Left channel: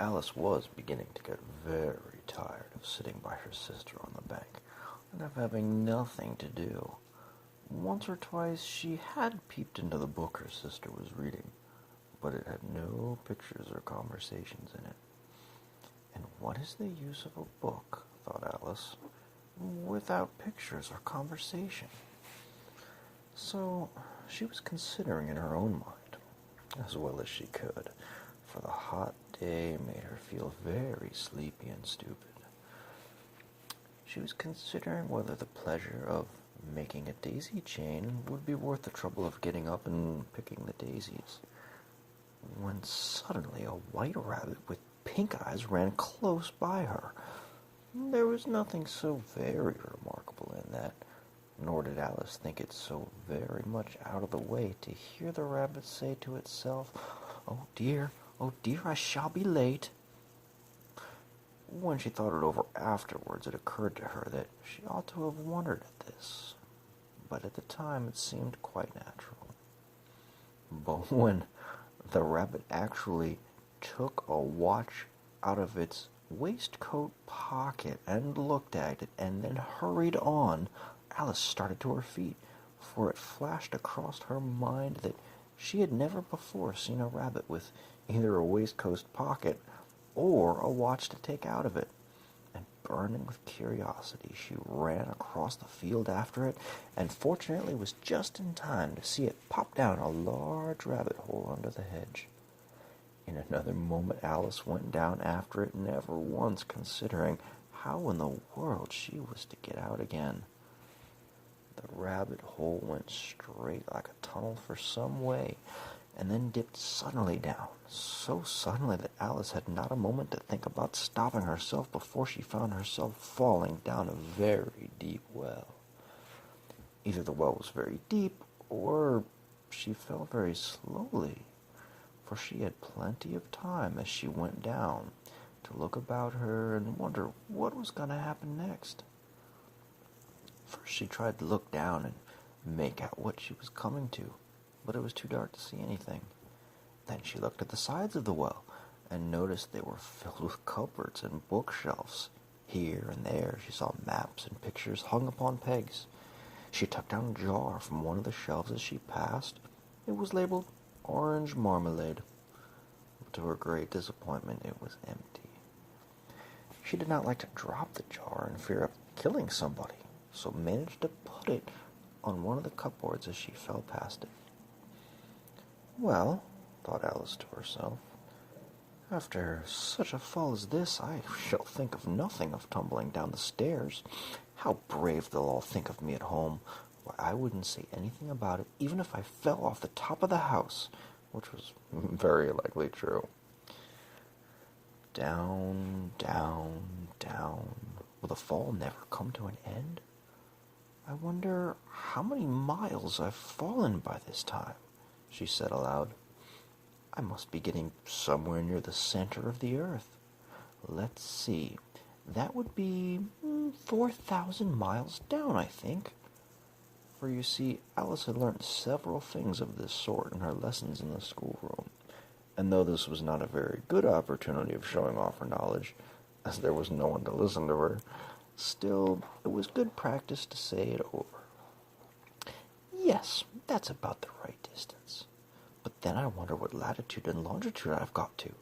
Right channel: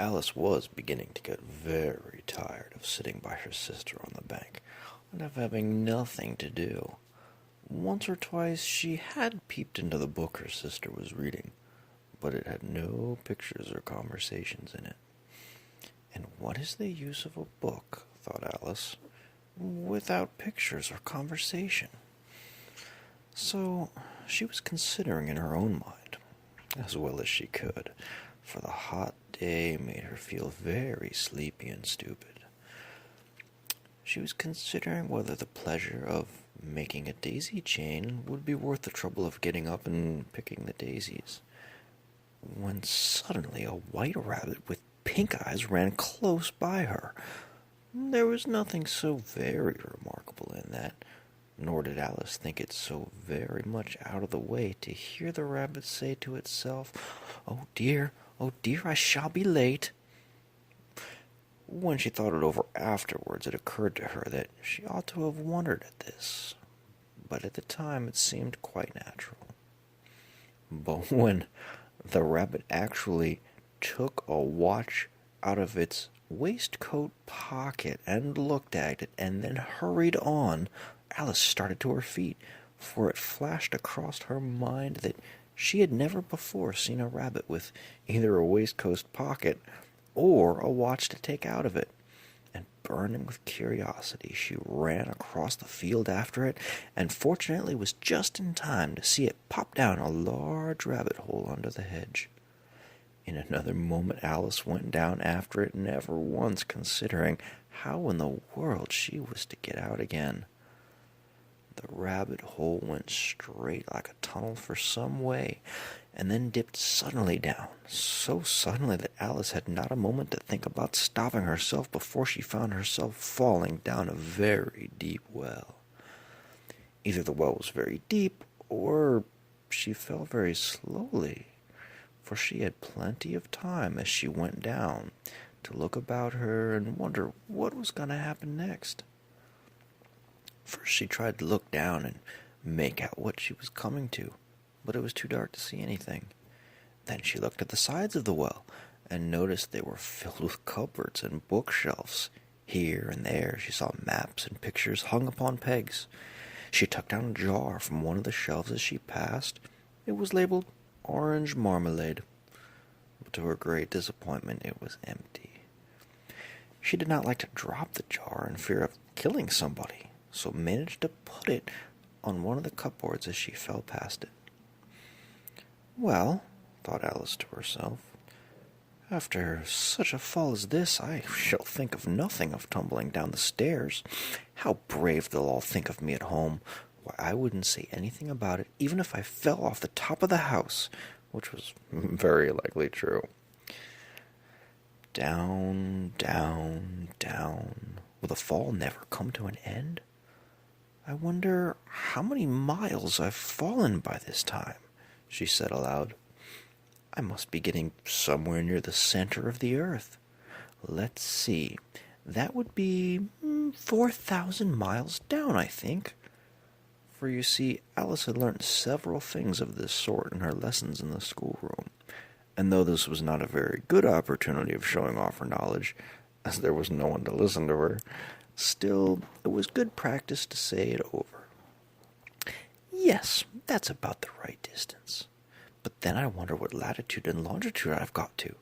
Alice was beginning to get very tired of sitting by her sister on the bank and of having nothing to do. Once or twice she had peeped into the book her sister was reading, but it had no pictures or conversations in it. And what is the use of a book, thought Alice, without pictures or conversation? So she was considering in her own mind, as well as she could, for the hot day made her feel very sleepy and stupid. She was considering whether the pleasure of making a daisy chain would be worth the trouble of getting up and picking the daisies, when suddenly a white rabbit with pink eyes ran close by her. There was nothing so very remarkable in that, nor did Alice think it so very much out of the way to hear the rabbit say to itself, oh dear, I shall be late." When she thought it over afterwards, it occurred to her that she ought to have wondered at this, but at the time it seemed quite natural. But when the rabbit actually took a watch out of its waistcoat pocket and looked at it and then hurried on, Alice started to her feet, for it flashed across her mind that she had never before seen a rabbit with either a waistcoat pocket or a watch to take out of it. And burning with curiosity, she ran across the field after it, and fortunately was just in time to see it pop down a large rabbit hole under the hedge. In another moment Alice went down after it, never once considering how in the world she was to get out again. The rabbit hole went straight like a tunnel for some way, and then dipped suddenly down, so suddenly that Alice had not a moment to think about stopping herself before she found herself falling down a very deep well. Either the well was very deep, or she fell very slowly, for she had plenty of time as she went down to look about her and wonder what was going to happen next. First she tried to look down and make out what she was coming to, but it was too dark to see anything. Then she looked at the sides of the well and noticed they were filled with cupboards and bookshelves. Here and there she saw maps and pictures hung upon pegs. She took down a jar from one of the shelves as she passed. It was labeled orange marmalade, but to her great disappointment it was empty. She did not like to drop the jar in fear of killing somebody, so managed to put it on one of the cupboards as she fell past it. Well, thought Alice to herself, after such a fall as this, I shall think of nothing of tumbling down the stairs. How brave they'll all think of me at home. Why, I wouldn't say anything about it, even if I fell off the top of the house, which was very likely true. Down, down, down. Will the fall never come to an end? I wonder how many miles I've fallen by this time, she said aloud. I must be getting somewhere near the center of the earth. Let's see. That would be 4,000 miles down, I think. For you see, Alice had learnt several things of this sort in her lessons in the schoolroom, and though this was not a very good opportunity of showing off her knowledge, as there was no one to listen to her, still it was good practice to say it over. Yes, that's about the right distance. But then I wonder what latitude and longitude I've got to.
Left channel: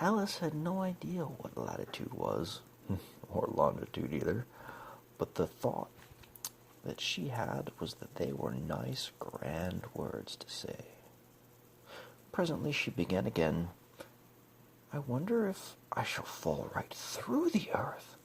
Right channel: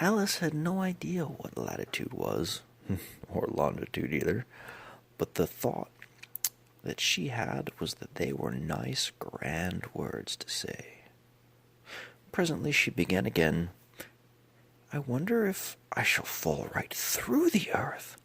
Alice had no idea what latitude was, or longitude either, but the thought that she had was that they were nice, grand words to say. Presently she began again. I wonder if I shall fall right through the earth.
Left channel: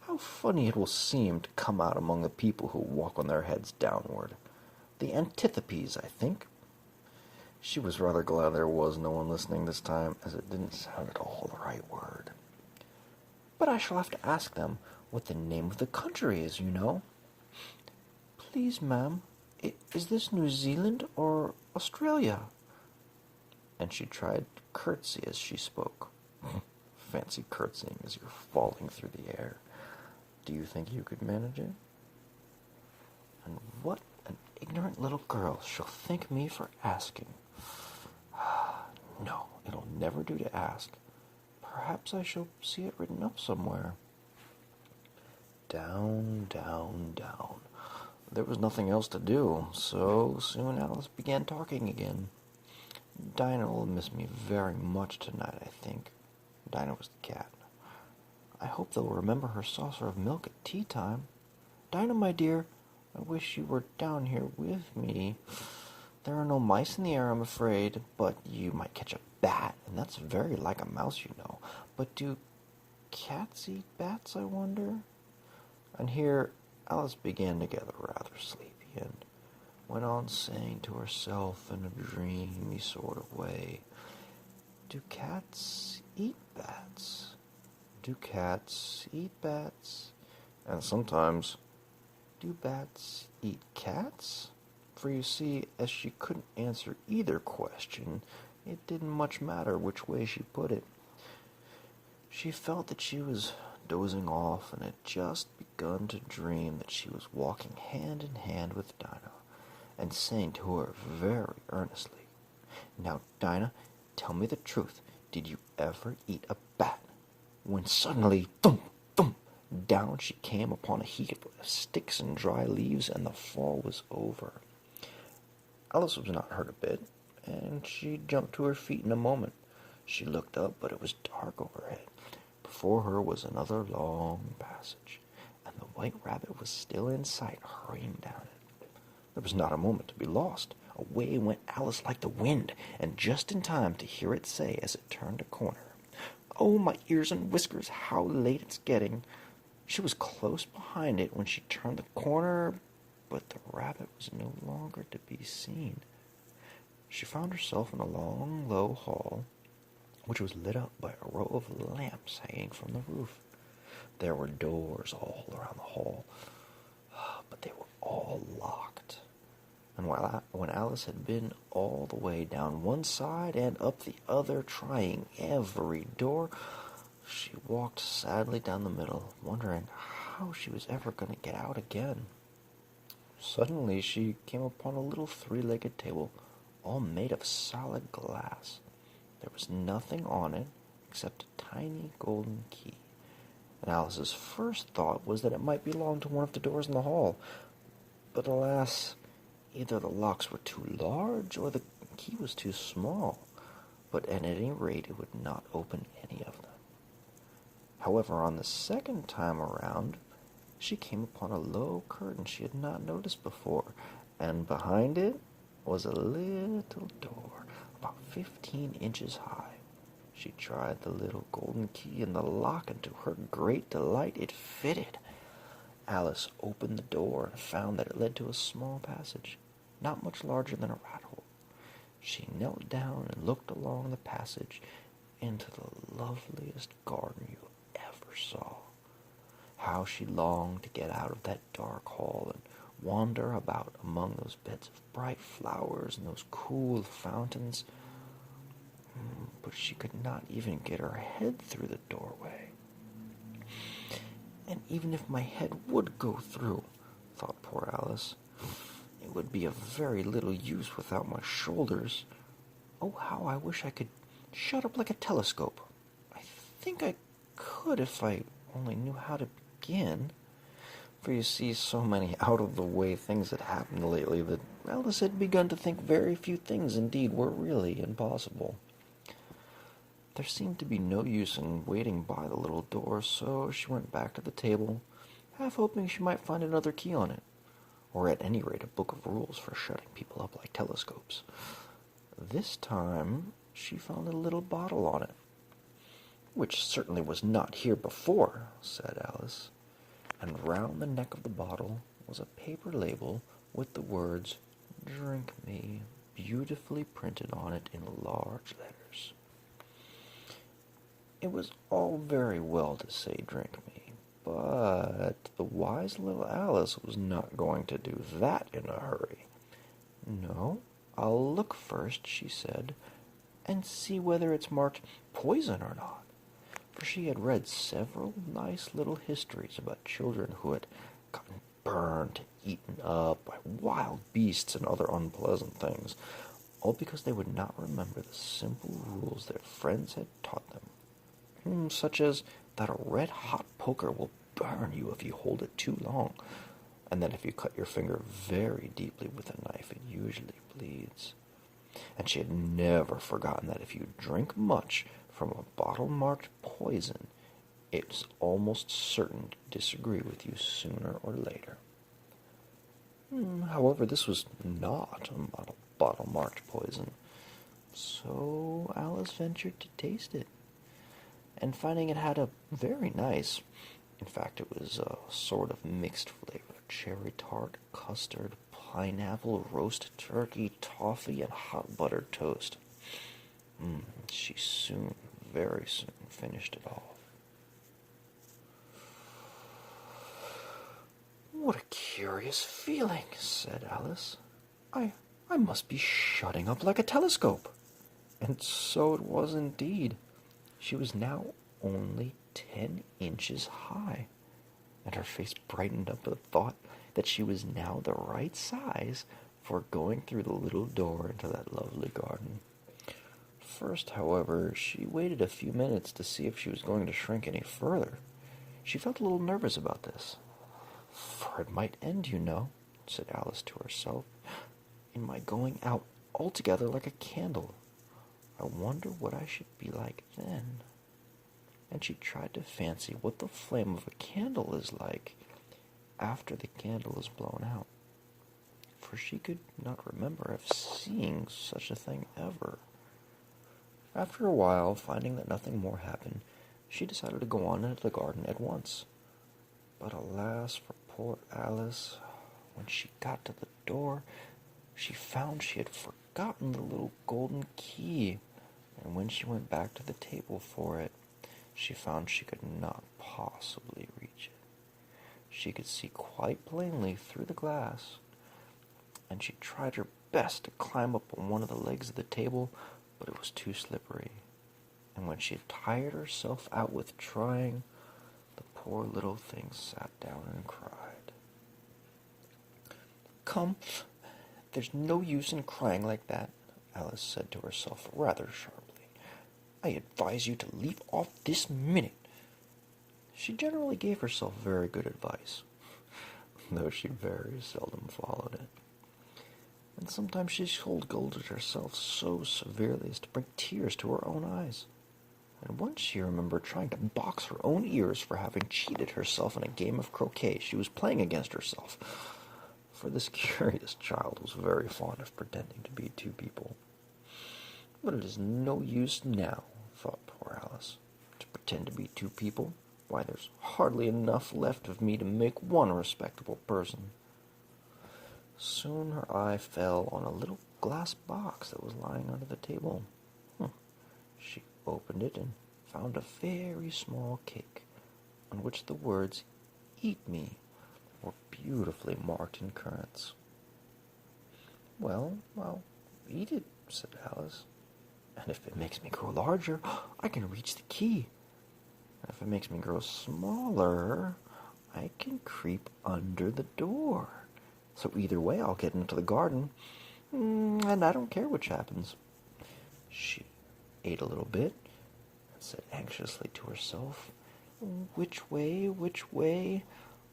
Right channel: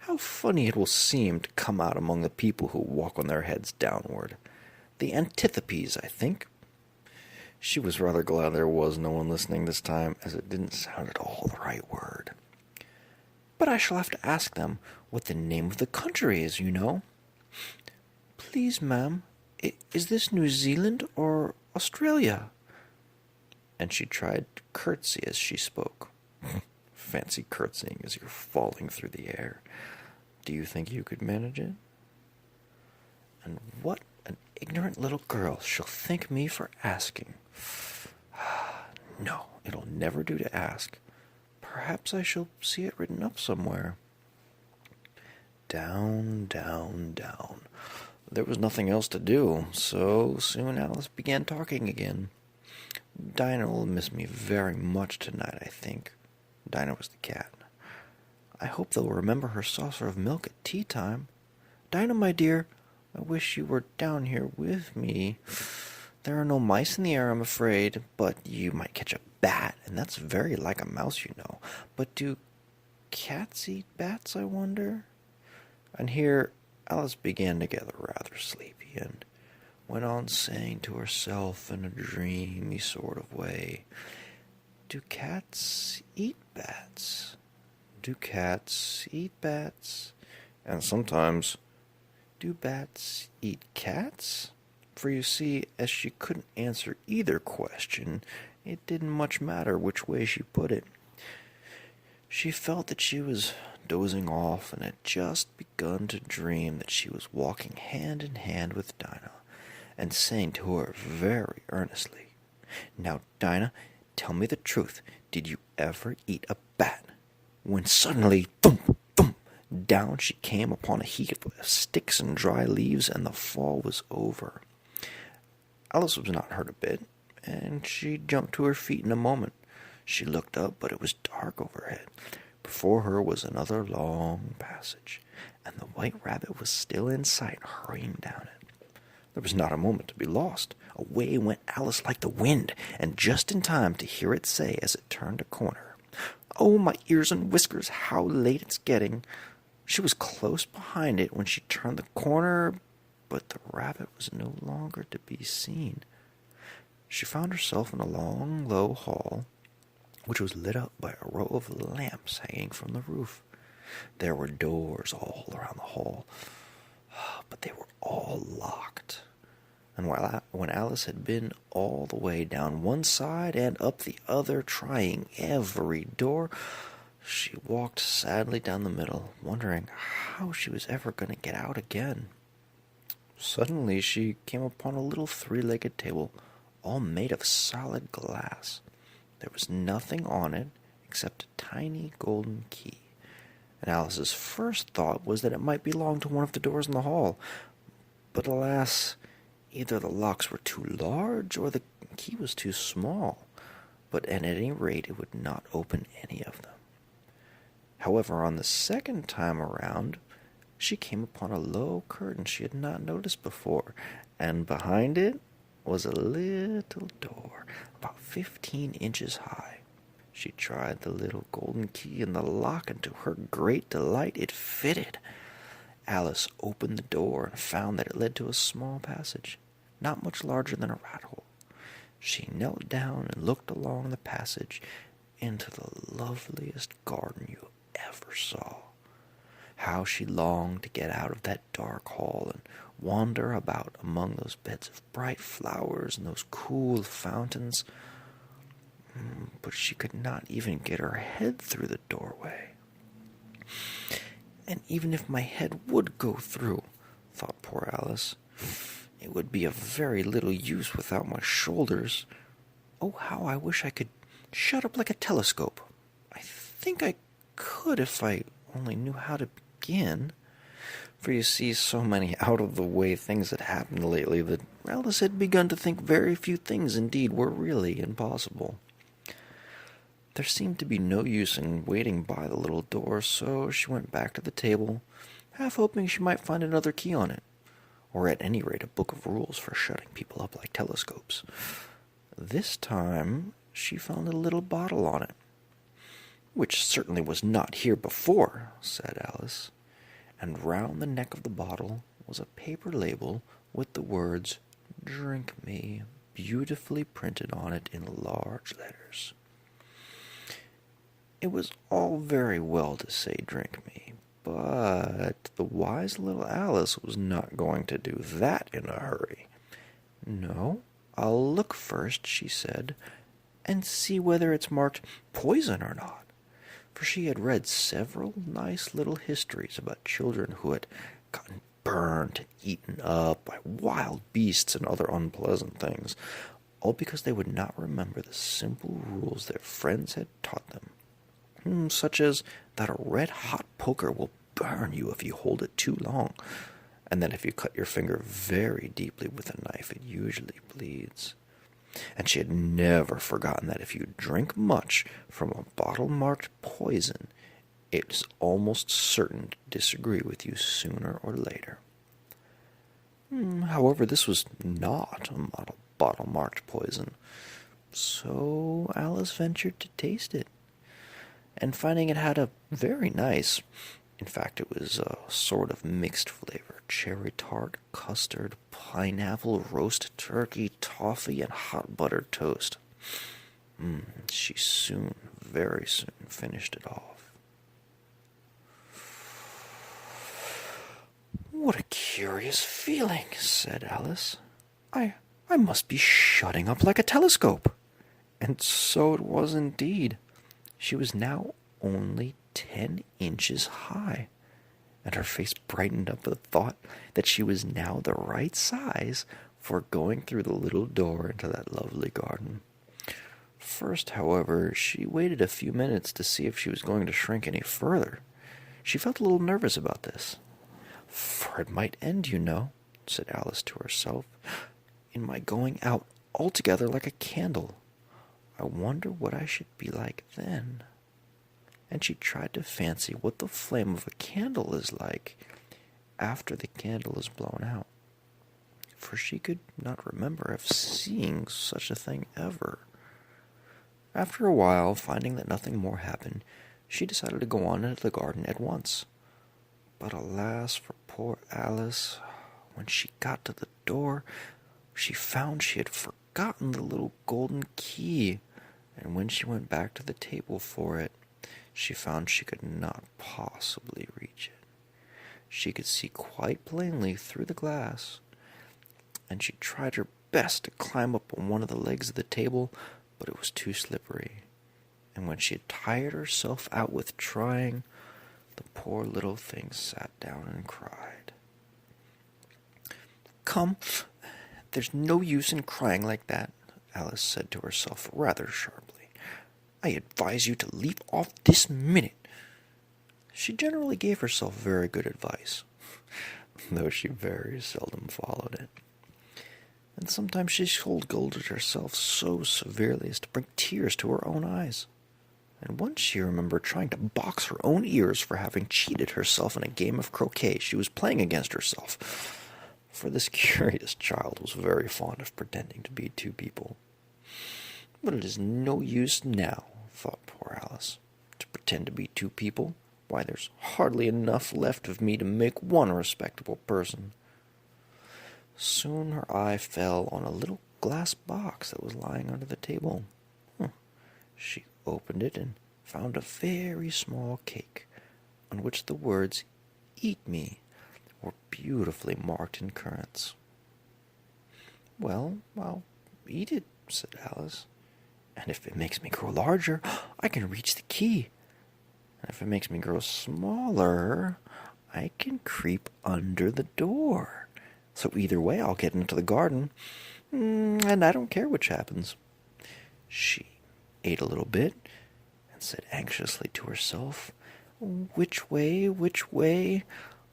How funny it will seem to come out among the people who walk on their heads downward. The antitheses, I think. She was rather glad there was no one listening this time, as it didn't sound at all the right word. But I shall have to ask them what the name of the country is, you know. Please, ma'am, is this New Zealand or Australia? And she tried to curtsy as she spoke. Fancy curtsying as you're falling through the air. Do you think you could manage it? And what an ignorant little girl she'll think me for asking. No, it'll never do to ask. Perhaps I shall see it written up somewhere. Down, down, down. There was nothing else to do, so soon Alice began talking again. Dinah will miss me very much tonight, I think. Dinah was the cat. I hope they'll remember her saucer of milk at tea time. Dinah, my dear, I wish you were down here with me. There are no mice in the air, I'm afraid, but you might catch a bat, and that's very like a mouse, you know. But do cats eat bats, I wonder? And here Alice began to get rather sleepy, and went on saying to herself in a dreamy sort of way, do cats eat bats? Do cats eat bats? And sometimes, do bats eat cats? For you see, as she couldn't answer either question, it didn't much matter which way she put it. She felt that she was dozing off and had just begun to dream that she was walking hand in hand with Dinah, and saying to her very earnestly, Now, Dinah, tell me the truth. Did you ever eat a bat? When suddenly, thump, thump, down she came upon a heap of sticks and dry leaves, and the fall was over. Alice was not hurt a bit, and she jumped to her feet in a moment. She looked up, but it was dark overhead. Before her was another long passage, and the white rabbit was still in sight, hurrying down it. There was not a moment to be lost. Away went Alice like the wind, and just in time to hear it say as it turned a corner, Oh, my ears and whiskers, how late it's getting. She was close behind it when she turned the corner, but the rabbit was no longer to be seen. She found herself in a long, low hall, which was lit up by a row of lamps hanging from the roof. There were doors all around the hall, but they were all locked. And when Alice had been all the way down one side and up the other, trying every door, she walked sadly down the middle, wondering how she was ever going to get out again. Suddenly she came upon a little three-legged table, all made of solid glass. There was nothing on it except a tiny golden key, and Alice's first thought was that it might belong to one of the doors in the hall. But alas, either the locks were too large or the key was too small, but at any rate it would not open any of them. However, on the second time around, she came upon a low curtain she had not noticed before, and behind it was a little door about 15 inches high. She tried the little golden key in the lock, and to her great delight it fitted. Alice opened the door and found that it led to a small passage, not much larger than a rat hole. She knelt down and looked along the passage into the loveliest garden you ever saw. How she longed to get out of that dark hall and wander about among those beds of bright flowers and those cool fountains. But she could not even get her head through the doorway. And even if my head would go through, thought poor Alice, it would be of very little use without my shoulders. Oh, how I wish I could shut up like a telescope. I think I could if I only knew how to begin. For you see, so many out-of-the-way things had happened lately that Alice had begun to think very few things indeed were really impossible. There seemed to be no use in waiting by the little door, so she went back to the table, half hoping she might find another key on it, or at any rate a book of rules for shutting people up like telescopes. This time she found a little bottle on it. "Which certainly was not here before," said Alice, and round the neck of the bottle was a paper label with the words, "Drink me," beautifully printed on it in large letters. It was all very well to say "drink me," but the wise little Alice was not going to do that in a hurry. "No, I'll look first," she said, "and see whether it's marked poison or not." For she had read several nice little histories about children who had gotten burned and eaten up by wild beasts and other unpleasant things. all because they would not remember the simple rules their friends had taught them, such as that a red-hot poker will burn you if you hold it too long, and that if you cut your finger very deeply with a knife, it usually bleeds. And she had never forgotten that if you drink much from a bottle marked poison, it is almost certain to disagree with you sooner or later. However, this was not a bottle marked poison, so Alice ventured to taste it, and finding it had a very nice, in fact it was a sort of mixed flavor, cherry tart, custard, pineapple, roast turkey, toffee, and hot buttered toast. She very soon finished it off. "What a curious feeling," said Alice. I must be shutting up like a telescope." And so it was indeed. She was now only 10 inches high, and her face brightened up with the thought that she was now the right size for going through the little door into that lovely garden. First, however, she waited a few minutes to see if she was going to shrink any further. She felt a little nervous about this. "For it might end, you know," said Alice to herself, "in my going out altogether like a candle. I wonder what I should be like then." And she tried to fancy what the flame of a candle is like after the candle is blown out, for she could not remember of seeing such a thing ever. After a while, finding that nothing more happened, she decided to go on into the garden at once. But alas for poor Alice, when she got to the door, she found she had forgotten the little golden key, and when she went back to the table for it, she found she could not possibly reach it. She could see quite plainly through the glass, and she tried her best to climb up on one of the legs of the table, but it was too slippery, and when she had tired herself out with trying, the poor little thing sat down and cried. "Come, there's no use in crying like that," Alice said to herself rather sharply. "I advise you to leave off this minute." She generally gave herself very good advice, though she very seldom followed it. And sometimes she scolded herself so severely as to bring tears to her own eyes. And once she remembered trying to box her own ears for having cheated herself in a game of croquet she was playing against herself, for this curious child was very fond of pretending to be two people. "But it is no use now," thought poor Alice, "to pretend to be two people. Why, there's hardly enough left of me to make one respectable person." Soon her eye fell on a little glass box that was lying under the table. She opened it and found a very small cake, on which the words, "Eat me," were beautifully marked in currants. "Well, I'll eat it," said Alice, "and if it makes me grow larger, I can reach the key. And if it makes me grow smaller, I can creep under the door. So either way, I'll get into the garden, and I don't care which happens." She ate a little bit, and said anxiously to herself, which way?"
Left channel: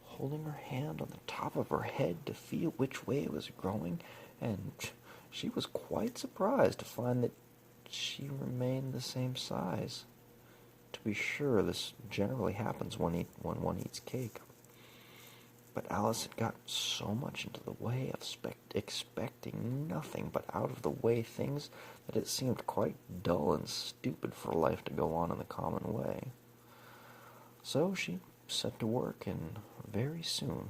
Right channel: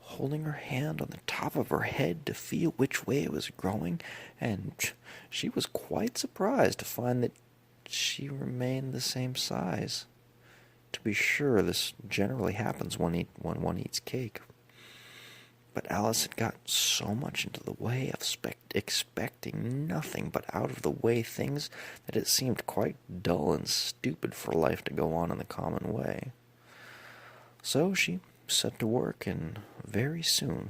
holding her hand on the top of her head to feel which way it was growing, and she was quite surprised to find that she remained the same size. To be sure, this generally happens when one eats cake. But Alice had got so much into the way of expecting nothing but out-of-the-way things that it seemed quite dull and stupid for life to go on in the common way. So she set to work and very soon